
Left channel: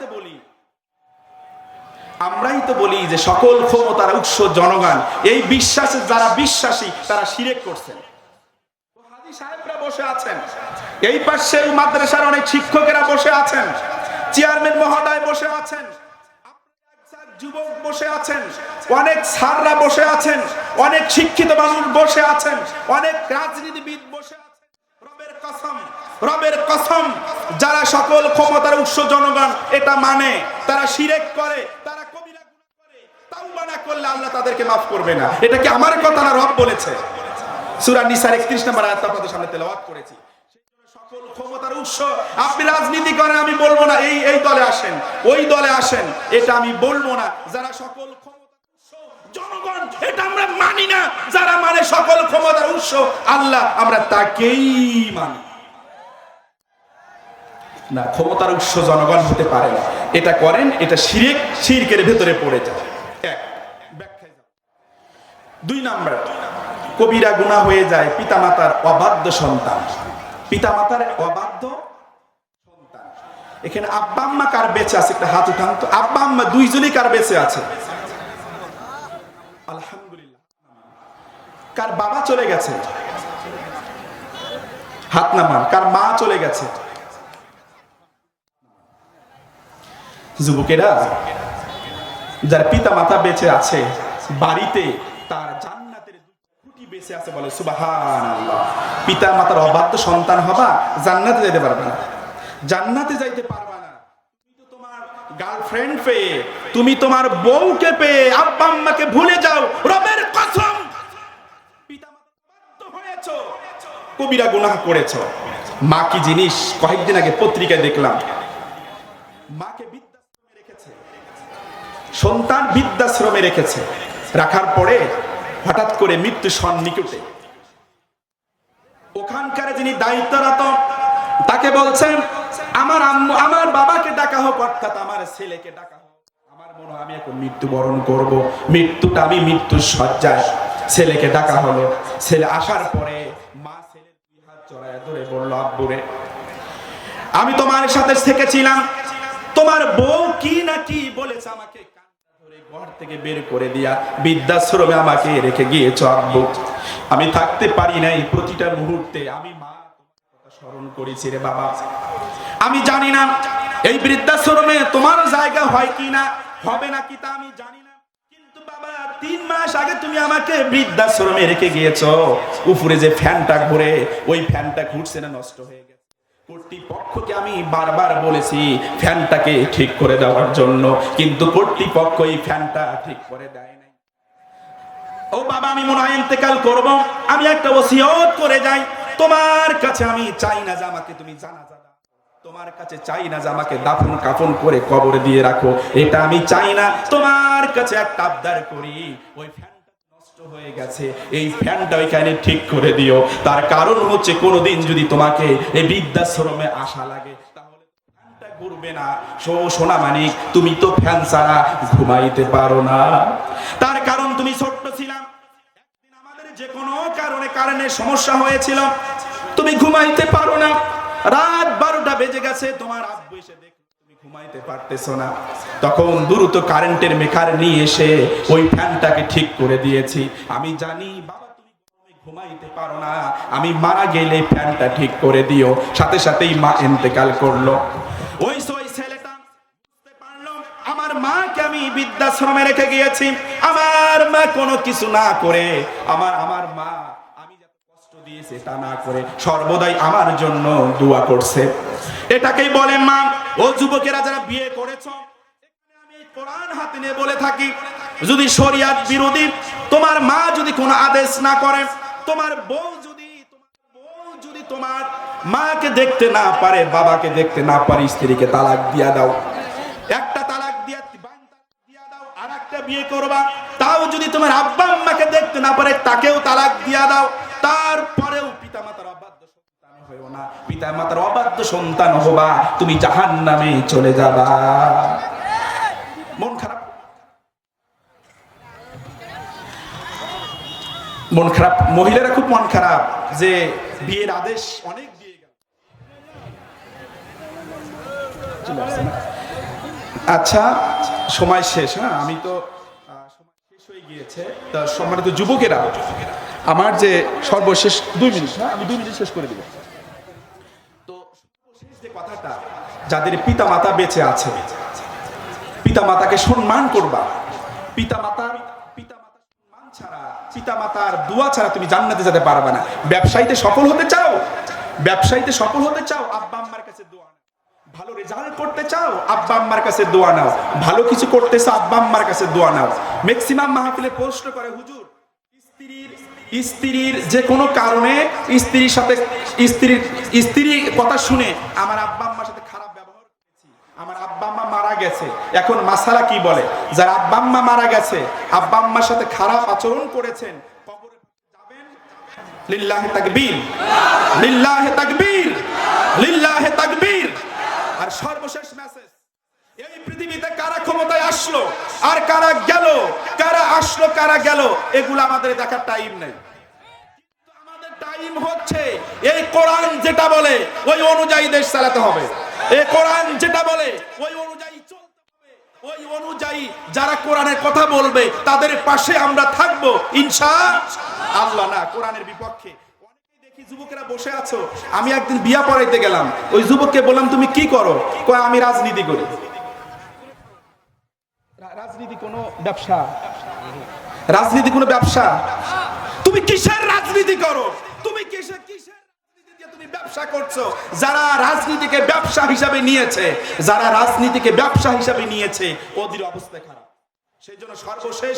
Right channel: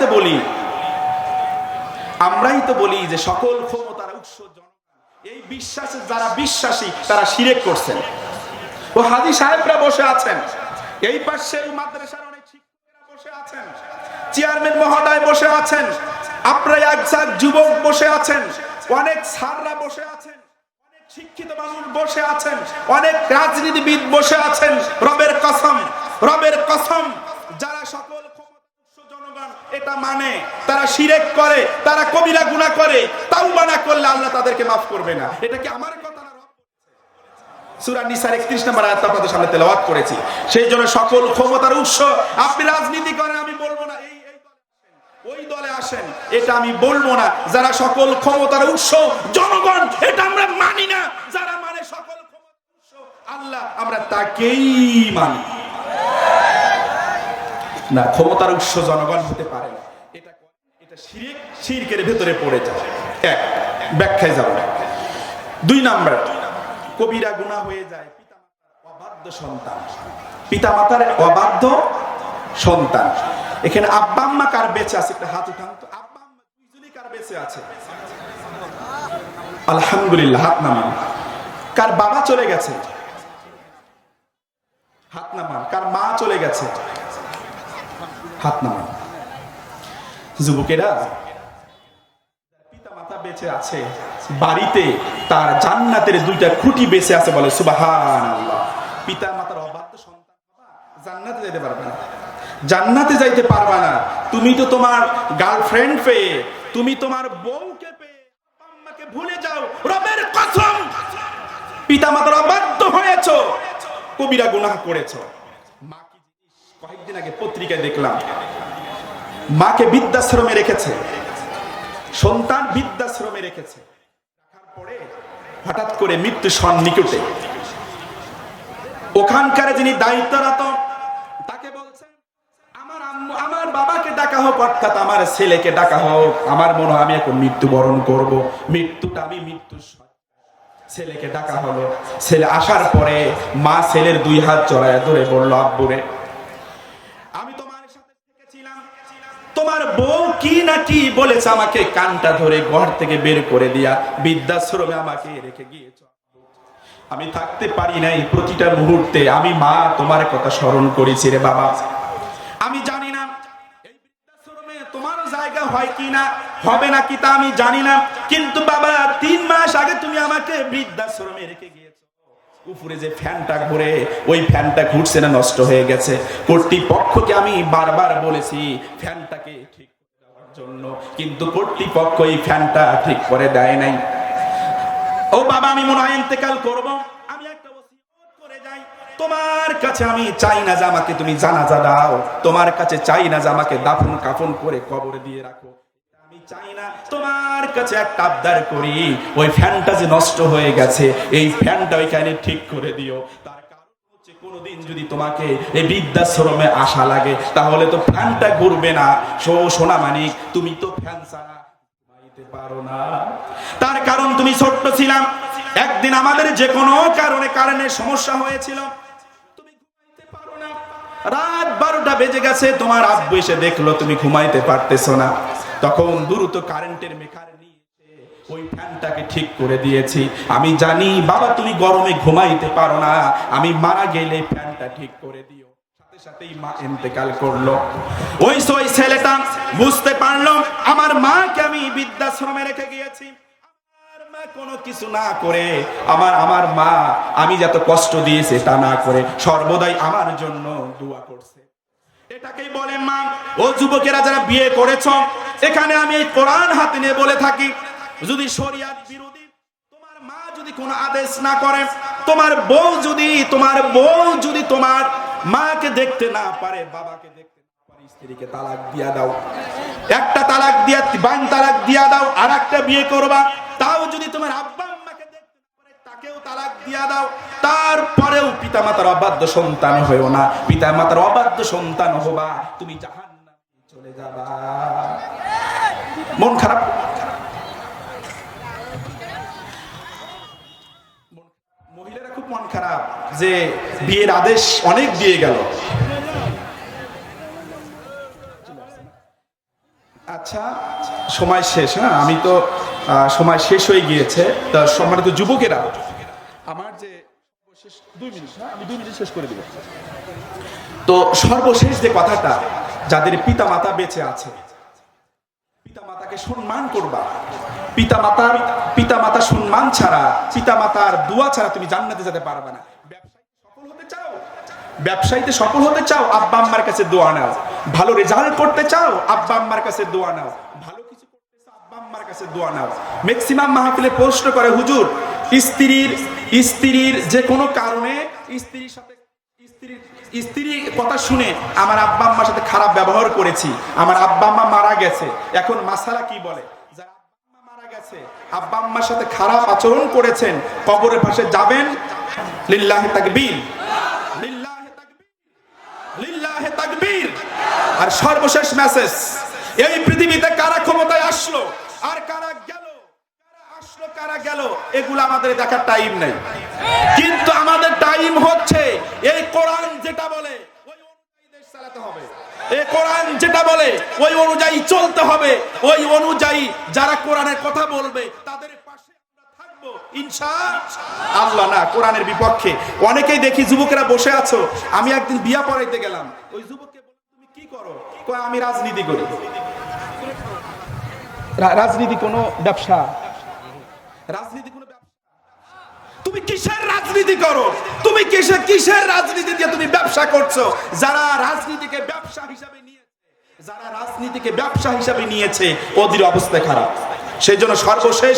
তো বলি যে সকল ক্ষমতার উৎস জনগণ। এই বিশ্বাসে যারা বিশ্বাসী তারা শিরক করছেন। ও হাজী সাহেবরা বসে আছেন, এই পাশে মাদ্রাসার অনেক শিক্ষকেরা বসে আছেন, চেয়ারম্যান মহোদয় বসে আছেন, আপনারা একজাক যুবক বসে আছেন, অনেক স্যাররা বসে আছেন, অনেক শিক্ষিত মানুষ বসে আছেন, অনেক রাজনীতিবিদ বসে আছেন। রবের কসম, যারা সকল ক্ষমতার উৎস জনগণ এটা মানে, তারা শিরক করে, তারা কবিরা গুনাহ করে, তাওবা না করলে আল্লাহ তাদেরকে মাফ করবে না। এটা কি আমার কথা না রব বলেছে? সূরা নিসার 31 নম্বর আয়াত আপনাদের সামনে তেলাওয়াত করেছি। সেই জন্য সকল ক্ষমতার উৎস, আপনি রাজনীতি করেন, আমি বলবো না এই দলে আসেন, ওই দলে আসেন, এটা আমি বলবো না। যারা সকল ক্ষমতার উৎস জনগণ, এটা আমরা মানি না। যারা মানে সকল ক্ষমতার উৎস আল্লাহ, আমরা তাকেই মানি না। ক্ষমতার উৎস জনগণ হতে পারে না। এটা করেন, এটা শিরকের ভেতরে পড়ে যায়। এক, ব্যাখ্যায় যাব। দুই নাম্বার, কবিরা গুনাহ হয়ে যায় পিতামাতার অবাধ্য সন্তান। পিতামাতার অবাধ্য সন্তান। এখানে আব্বা আম্মা কার বেঁচে আছে? একটা হাত উঠান তো। আব্বা আম্মা দুইজনই কার বেঁচে আছে? আলহামদুলিল্লাহ, হাত নামান। কার বাবা চলে গেছে? হাত নামান। কার মা চলে গেছে? হাত নামান। যুবকেরা, যার পিতা মাতা বেঁচে আছে, বাড়িতে তার জান্নাতের দুইটা খুঁটি বেঁচে আছে। বলে সুবহানাল্লাহ। পিতা মাতার অবাধ্য সন্তান হবা, জান্নাতে যেতে পারবে না। জান্নাতে যাইতে পারবা না। তুমি তো তোমার গার্লফ্রেন্ড পেয়ে, তুমি তোমার বউকে পেয়ে আব্বা আম্মাকে ভুলে যাও। রবের কসম, পিতামাতার অবাধ্য হয়েছো, কবিরা গুনাহ করেছো। মা কি জিনিস, কয়েকদিন আগে পত্রিকায় দেখলাম, মাকে বৃদ্ধাশ্রমে রেখেছে, সন্তান বৃদ্ধাশ্রমে রেখেছে, রাখার পরে হঠাৎ করে মৃত্যু সন্নিকটে। ওখানকার যিনি দায়িত্বরত তাকে বলছেন, আমার আম্মু, আমার বাবাকে ডাকা হোক, অর্থাৎ আমার ছেলেকে ডাকা হোক, আমার মনে হয় আমি এখন মৃত্যুবরণ করব। মৃত্যুটা আমি মৃত্যুর শয্যায়। ছেলেকে ডাকা হলো। ছেলে আসার পরে মা ছেলের 2 হাত জড়ায় ধরে বলল, আব্বুরে, আমি তোমার সাথে থেকেছিলাম, তোমার বউ কি না কি বলেছে, আমাকে কানটা ধরে ঘর থেকে বের করে দিয়া বৃদ্ধাশ্রমে আমাকে রেখে গিয়েছো আব্বু। আমি থাকতে পারি নাই, প্রতিটা মুহূর্তে আমি মা তোমার কথা স্মরণ করেছি রে বাবা। আমি জানি না এই বৃদ্ধাশ্রমে তোমার জায়গা হয় কি না, হবে নাকি তা আমি জানি না, কিন্তু বাবা 3 মাস আগে তুমি আমাকে বৃদ্ধাশ্রমে রেখে গিয়েছো। উপরে যে ফ্যানটা ঘুরে, ওই ফ্যানটা ঘুরছে না, নষ্ট হয়ে গেছে। কর্তৃপক্ষকে আমি বারবার বলেছি ফ্যানটাকে ঠিক করে দেওয়ার জন্য, কিন্তু কর্তৃপক্ষ এই ফ্যানটা ঠিক করে দেয় নাই। ও বাবা, আমি মনে হয় ইন্তেকাল করব, আমি একটা ওসিয়ত করে যাই। তোমার কাছে আমি চাই না যে আমাকে তুমি জানাজা দাও, তোমার কাছে চাই না যে আমাকে দাফন কাফন করে কবরে দিয়ে রাখো, এটা আমি চাই না। তোমার কাছে একটা আবদার করি, ওই ফ্যানটা যে নষ্ট হয়ে গেছে, এই ফ্যানটা ওইখানে ঠিক করে দিও। তার কারণ হচ্ছে, কোনোদিন যদি তোমাকে এই বৃদ্ধাশ্রমে আসা লাগে, তাহলে তো ফ্যানটা ঘুরবে না। সোনা মানিক, তুমি তো ফ্যান ছাড়া ঘুমাইতে পারো না। তার কারণ তুমি ছোট্ট ছিলাম, একদিন আমাদের যে কোনো কারণে কারেন্টের সমস্যা হয়েছিল, তুমি ঘুমাইতে পারো না। রাত 12টা বেজে গেছে, তোমার আব্বু এসে দেখলো তুমি ঘুমাইতে পারতেছো না, তখন দ্রুত কারেন্টের মেকার নিয়ে এসে ওই ফ্যানটাকে ঠিক করে দিয়েছি। আমি জানি বাবা তুমি গরমে ঘুমাইতে পারো না, আমি মারা গেলে ফ্যানটা ঠিক করে দিও। সাথে সাথেই মা ইন্তেকাল করলো। ওই ছেলেটা বুঝতে পারলো আমার মাকে আমি বৃদ্ধাশ্রমে রেখে গিয়েছি। আমার মা কোনো কিছু না করে, আমার মা আমি যত কষ্ট দিয়েছে তা না করে সর্বদাই আমার জন্য দোয়া করছে। এটাকেই বলে মা। ও যুবকেরা যারা বিয়ে করেছো, এখানে আমি এই কোরআন হাতে নিয়ে বলে থাকি, যদি শরিয়াত বিরোধী তোমার মা যদি কোনো আদেশ না করে, তোমার বউ যদি তোমার মাকে দেখতে না পারে, বাবাকে দেখতে না পারে, স্ত্রীকে তালাক দিয়া দাও। একটা তালাক দিয়া, বান তালাক দিয়া দাও, আর একটা বিয়ে করবা। তাও যদি তোমার আব্বা আম্মাকে দেখতে না পারে, তাকেও তালাক দিয়া দাও। তারপরেও পিতামাতার অবাধ্য সন্তান হইও না। পিতামাতার অবাধ্য সন্তান হবা, তুমি জাহান্নামে চলে যাবা। মন খারাপ, মন খারাপ, মহিলারা খুব মন খারাপ যে বিয়ের আদেশ অনেক দিয়ে গেল। আচ্ছা, সময় শেষ। হ্যাঁ, আমি তো সময় শেষ হয়ে গিয়েছে। তা সম্মানিত যুবকেরা, আমার যে সর্বশেষ 2 মিনিট, আমি 2 মিনিট শেষ করে দিব। তো সর্বশেষ যে কথাটা, যাদের পিতা মাতা বেঁচে আছে, পিতা মাতাকে সম্মান করবা। পিতা মাতা সম্মান ছাড়া, পিতা মাতার দোয়া ছাড়া তুমি জান্নাতে যেতে পারবে না। ব্যবসায়ীতে সফল হতে চাও, আব্বা আম্মার কাছে দোয়া নাও। ভালো রেজাল্ট করতে চাও, আব্বা আম্মার কাছে দোয়া নাও। ভালো কিছু করতে চাও, আব্বা আম্মার কাছে দোয়া নাও। ম্যাক্সিমাম মাহফিলে প্রশ্ন করে, হুজুর স্ত্রীর যে কোনো কারণে স্ত্রীর কথা শুনে আমার আব্বা আম্মার সাথে খারাপ ব্যবহার করেছি, আমার আব্বা আম্মা মারা গেছে, এখন মাসালা কি বলে? যারা আব্বা আম্মা মারা গেছে, আব্বা আম্মার সাথে খারাপ আচরণ করেছেন, কবরের পাশে যাবেন, লিল্লাহে তাকবীর, লিল্লাহে তাকবীর, লিল্লাহে তাকবীর। আর সর্বশেষ মেসেজ, এই পৃথিবীতে কারা ক্ষমতায় আসলো আর কারা গেল, কারা আসলো কারা গেল, এগুলো আমাদের দেখার টাইম নেই। কিন্তু আমাদের টাইম হচ্ছে এই কোরআন যেটা বলে ওই অনুযায়ী দেশ চালাতে হবে। এই কোরআন যেটা বলে ওই অনুযায়ী চলতে হবে। ওই অনুযায়ী যারা কোরআনের কথা বলবে তাদের পাশে আমরা থাকবো ইনশাআল্লাহ। না কোরআনের বিপক্ষে। অনেকেই দেখি যুবকেরা বসে আছো, আমি একদিন বিয়া পড়াইতে গেলাম, ওই যুবককে বললাম তুমি কি করো? কয় আমি রাজনীতি করি। রাজনীতি কোনো ব্যবসা? রাজনীতি কোনো ব্যবসা? তুমি কিসের রাজনীতি করো? তুমি কিসের রাজনীতি দিয়ে তুমি ব্যবসা করছো? যারা রাজনীতিকে ব্যবসা হিসাবে নিয়েছে ওদের অবস্থা খারাপ। সেই জন্য সর্বশেষ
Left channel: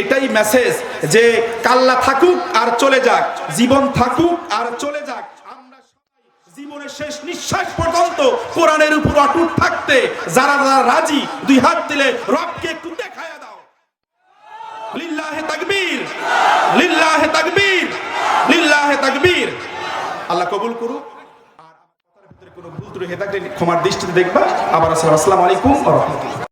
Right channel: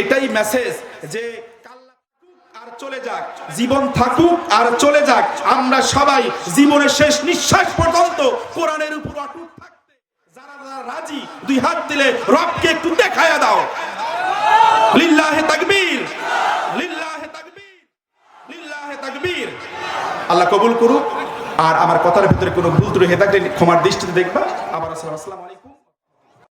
এটাই মেসেজ যে কাল্লা থাকুক আর চলে যাক, জীবন থাকুক আর চলে যাক, আমরা সবাই জীবনের শেষ নিঃশ্বাস পর্যন্ত কোরআনের উপর অটুট থাকতে যারা রাজি, দুই হাত দিলে রবকে একটু দেখায়া দাও। লিল্লাহে তাকবীর, লিল্লাহে তাকবীর, লিল্লাহে তাকবীর। আল্লাহ কবুল করুক। আর আমার কথার ভিতরে কোনো ভুল ত্রুটি হয়ে থাকলে ক্ষমার দৃষ্টিতে দেখবা। আবার আসসালামু আলাইকুম ওয়া রাহমাতুল্লাহ।